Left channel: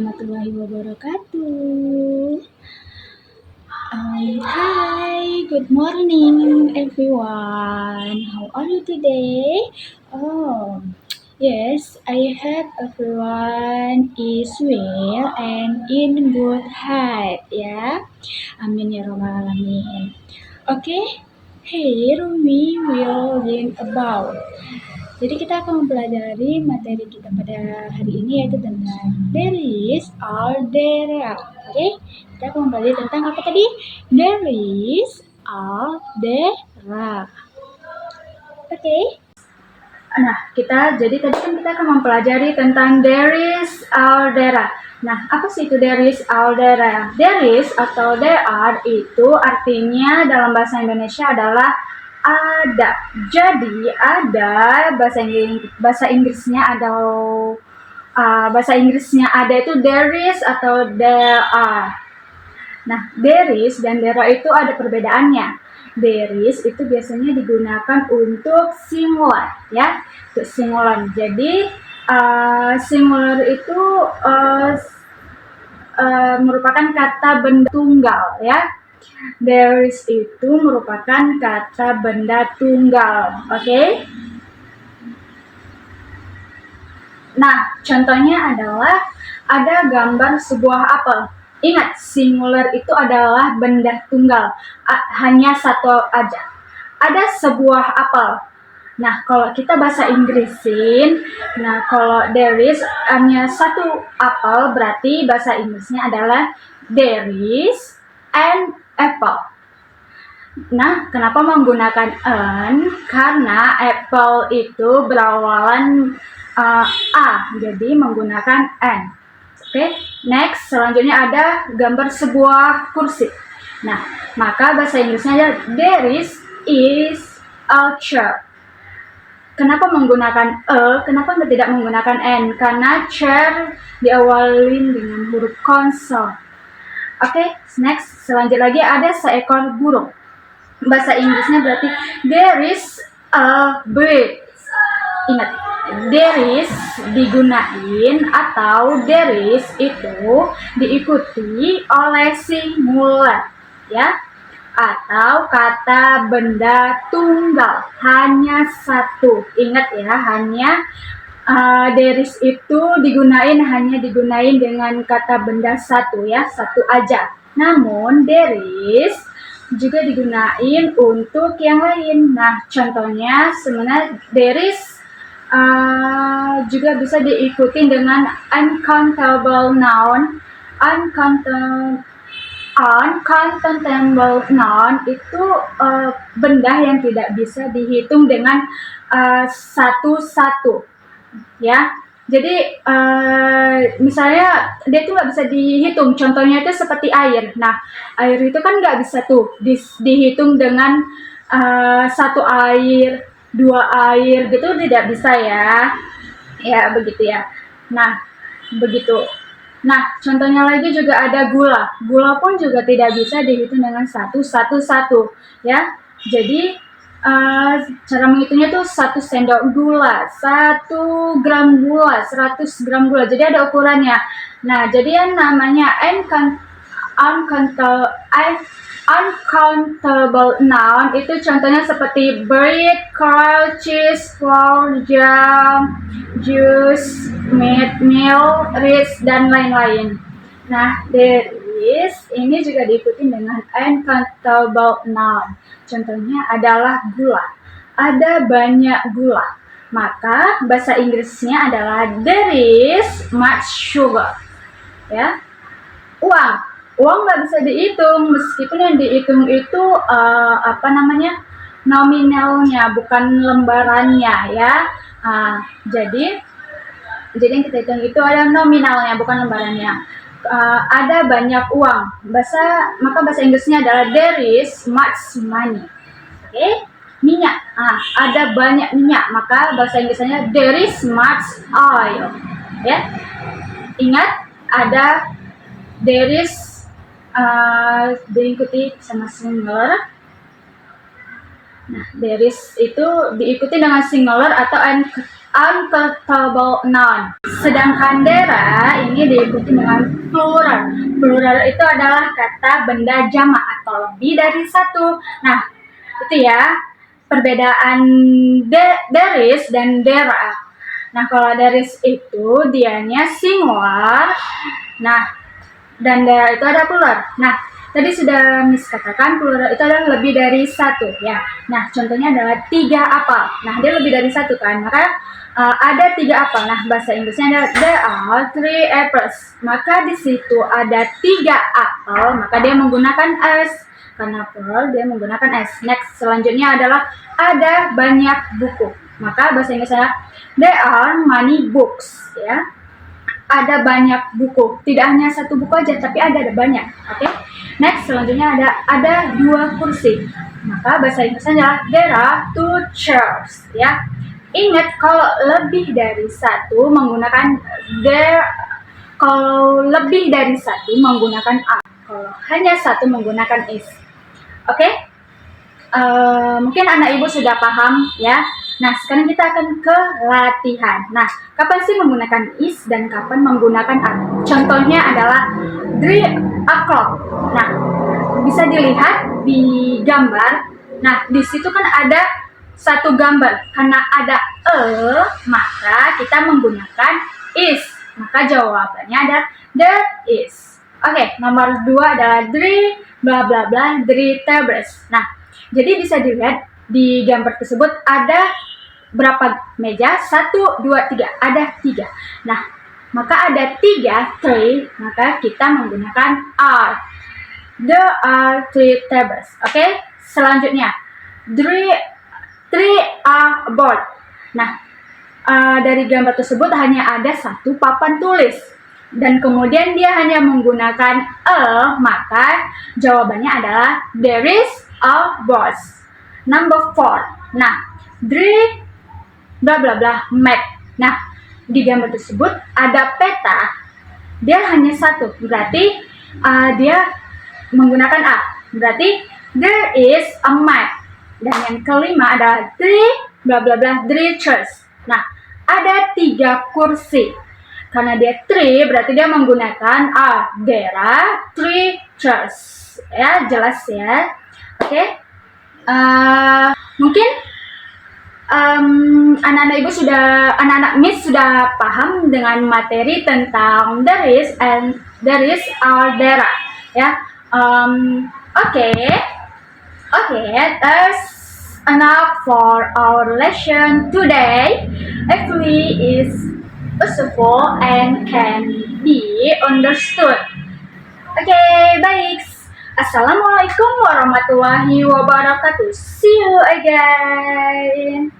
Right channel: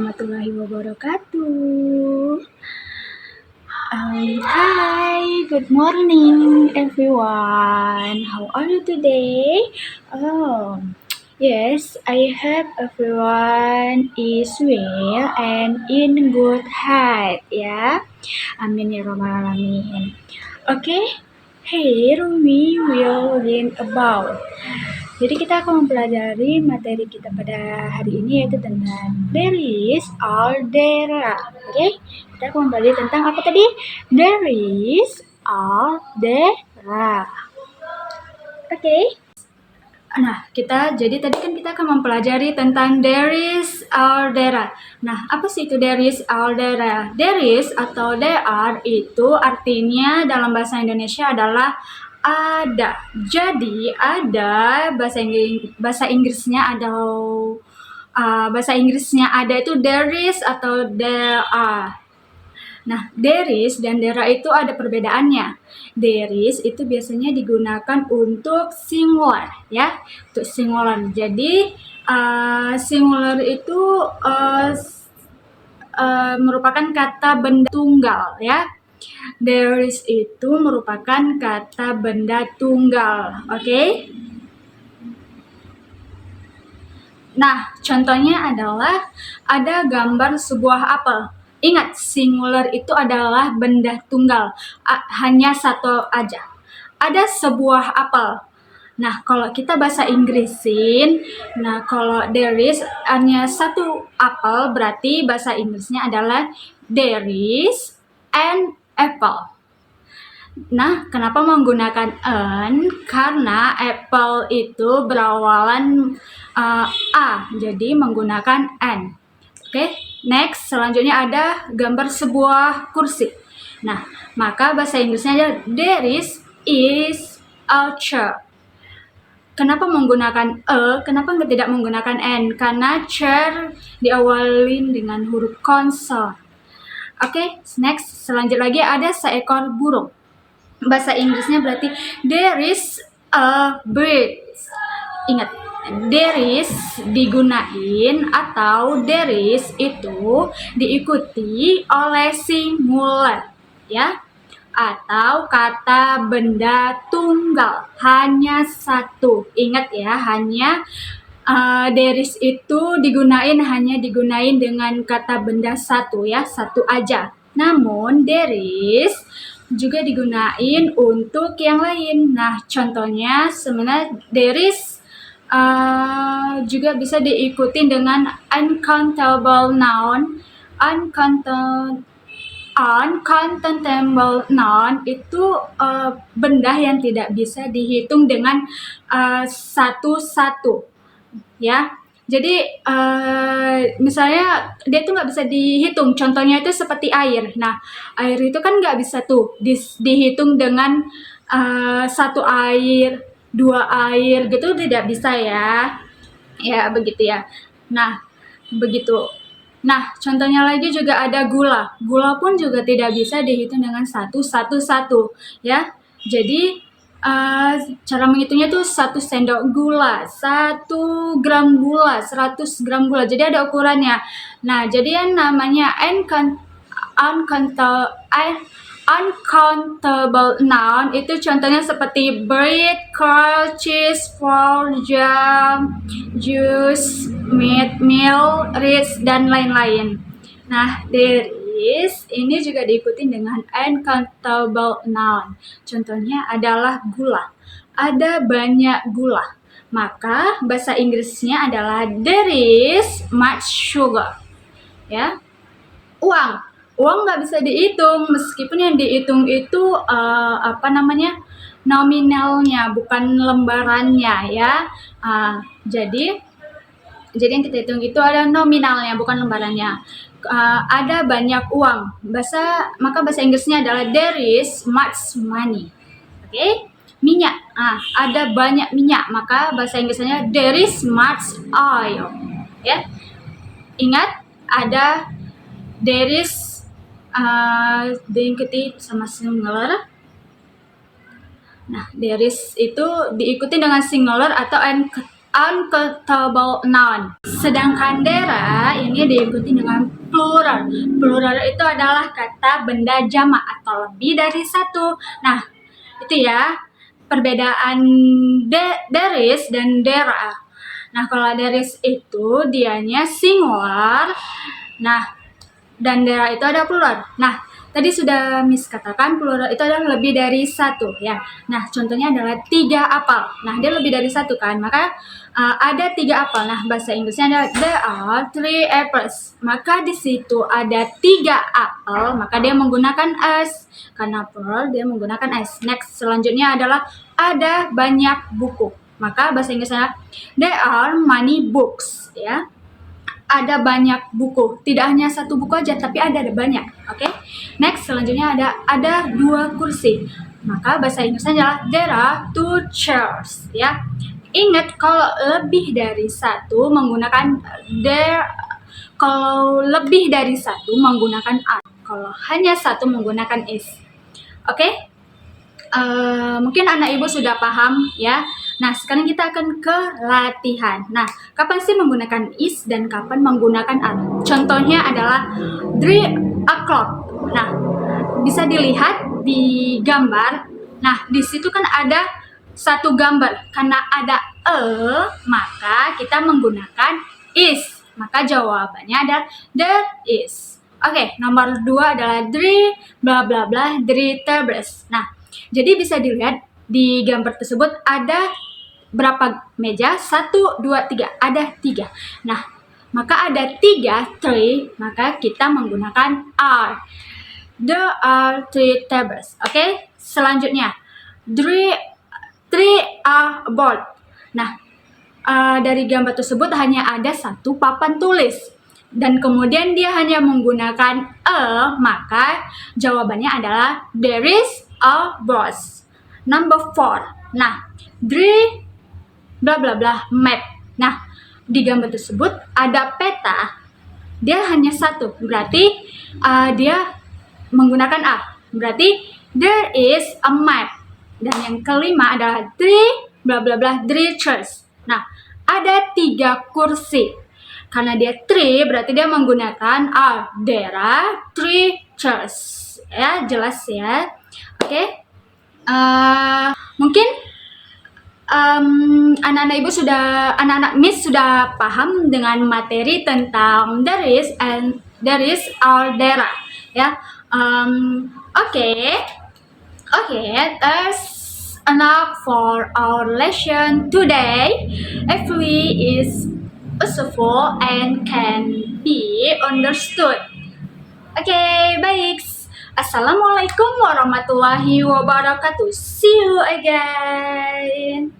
warahmatullahi wabarakatuh. Hi, good morning everyone. How are you today? Yes, I hope everyone is well and in good health ya. Amin ya rabbal alamin. Okay, here we will learn about. Jadi kita akan mempelajari materi kita pada hari ini yaitu tentang there is or there are. Oke, kita akan mempelajari tentang apa tadi? There is or there are. Oke. Nah, tadi kan kita akan mempelajari tentang there is or there are. Nah, apa sih itu there is or there are? There is atau there are itu artinya dalam bahasa Indonesia adalah ada. Jadi ada bahasa Inggrisnya ada itu there is atau there are. Nah, there is dan there are itu ada perbedaannya. There is itu biasanya digunakan untuk singular ya, untuk singular. Jadi singular itu merupakan kata benda tunggal ya. There is itu merupakan kata benda tunggal, oke? Nah, contohnya adalah ada gambar sebuah apel. Ingat, singular itu adalah benda tunggal, hanya satu aja. Ada sebuah apel. Nah, kalau kita bahasa Inggrisin, kalau there is hanya satu apel, berarti bahasa Inggrisnya adalah there is an apple. Nah, kenapa menggunakan an? Karena apple itu berawalan a, jadi menggunakan an. Oke, next, selanjutnya ada gambar sebuah kursi. Nah, maka bahasa Inggrisnya adalah there is a chair. Kenapa menggunakan kenapa tidak menggunakan n? Karena chair diawali dengan huruf konsol. Oke, next, selanjutnya lagi ada seekor burung. Bahasa Inggrisnya berarti there is a bird. Ingat, there is digunain atau there is itu diikuti oleh singular ya, atau kata benda tunggal hanya satu. Ingat ya, hanya there is itu hanya digunain dengan kata benda satu ya, satu aja. Namun there is juga digunain untuk yang lain. Nah, contohnya sebenarnya there is juga bisa diikuti dengan uncountable noun. Uncountable noun itu benda yang tidak bisa dihitung dengan satu-satu ya. Jadi misalnya dia tuh nggak bisa dihitung. Contohnya itu seperti air. Nah, air itu kan nggak bisa tuh dihitung dengan satu air, dua air gitu, tidak bisa ya. Ya begitu ya. Nah, begitu. Nah, contohnya lagi juga ada gula. Gula pun juga tidak bisa dihitung dengan satu ya. Jadi cara menghitungnya tuh 1 sendok gula, 1 gram gula, 100 gram gula. Jadi ada ukurannya. Nah, jadi yang namanya uncountable noun itu contohnya seperti bread, curd, cheese, flour, jam, juice, meat, milk, rice, dan lain-lain. Nah, there is ini juga diikuti dengan uncountable noun. Contohnya adalah gula. Ada banyak gula. Maka bahasa Inggrisnya adalah there is much sugar. Ya. Uang nggak bisa dihitung, meskipun yang dihitung itu nominalnya, bukan lembarannya ya. Jadi yang kita hitung itu ada nominalnya, bukan lembarannya. Ada banyak uang. Maka bahasa Inggrisnya adalah there is much money. Oke? Minyak. Ada banyak minyak, maka bahasa Inggrisnya there is much oil. Ya. Ingat, ada there is diikuti sama singular. Nah, there is itu diikuti dengan singular atau uncountable noun. Sedangkan there ini diikuti dengan plural. Plural itu adalah kata benda jamak atau lebih dari satu. Nah, itu ya perbedaan there is dan there are. Nah, kalau there is itu dianya singular. Nah, dan there itu ada plural. Nah, tadi sudah Miss katakan plural itu adalah lebih dari satu ya. Nah, contohnya adalah 3 apel. Nah, dia lebih dari satu kan, maka ada 3 apel. Nah, bahasa Inggrisnya adalah there are 3 apples. Maka di situ ada 3 apel, maka dia menggunakan s. Karena plural dia menggunakan s. Next, selanjutnya adalah ada banyak buku. Maka bahasa Inggrisnya there are many books ya. Ada banyak buku, tidak hanya satu buku aja tapi ada banyak. Oke. Next, selanjutnya ada 2 kursi. Maka bahasa Inggrisnya adalah there are 2 chairs ya. Ingat kalau lebih dari satu menggunakan there, kalau lebih dari satu menggunakan are, kalau hanya satu menggunakan is. Oke? Mungkin anak ibu sudah paham ya. Nah, sekarang kita akan ke latihan. Nah, kapan sih menggunakan is dan kapan menggunakan are? Contohnya adalah 3 o'clock. Nah, bisa dilihat di gambar. Nah, di situ kan ada satu gambar. Karena ada maka kita menggunakan is. Maka jawabannya adalah there is. Oke, nomor 2 adalah 3 bla bla bla 3 tables. Nah, jadi bisa dilihat di gambar tersebut ada berapa meja? 1, 2, 3. Ada 3. Nah, maka ada 3, 3, maka kita menggunakan are. There are 3 tables. Oke, selanjutnya 3 are board. Nah, dari gambar tersebut hanya ada satu papan tulis. Dan kemudian dia hanya menggunakan maka jawabannya adalah there is a box. Number 4. Nah, 3 bla bla bla map. Nah, di gambar tersebut ada peta. Dia hanya satu, berarti dia menggunakan a. Berarti there is a map. Dan yang kelima adalah 3 bla bla bla 3 chairs. Nah, ada 3 kursi. Karena dia 3 berarti dia menggunakan a. There are 3 chairs. Ya, jelas ya. Oke. Mungkin anak-anak Miss sudah paham dengan materi tentang there is and there is or there are ya. Okay, that's enough for our lesson today. Hopefully is useful and can be understood. Okay, baik. Assalamualaikum warahmatullahi wabarakatuh. See you again.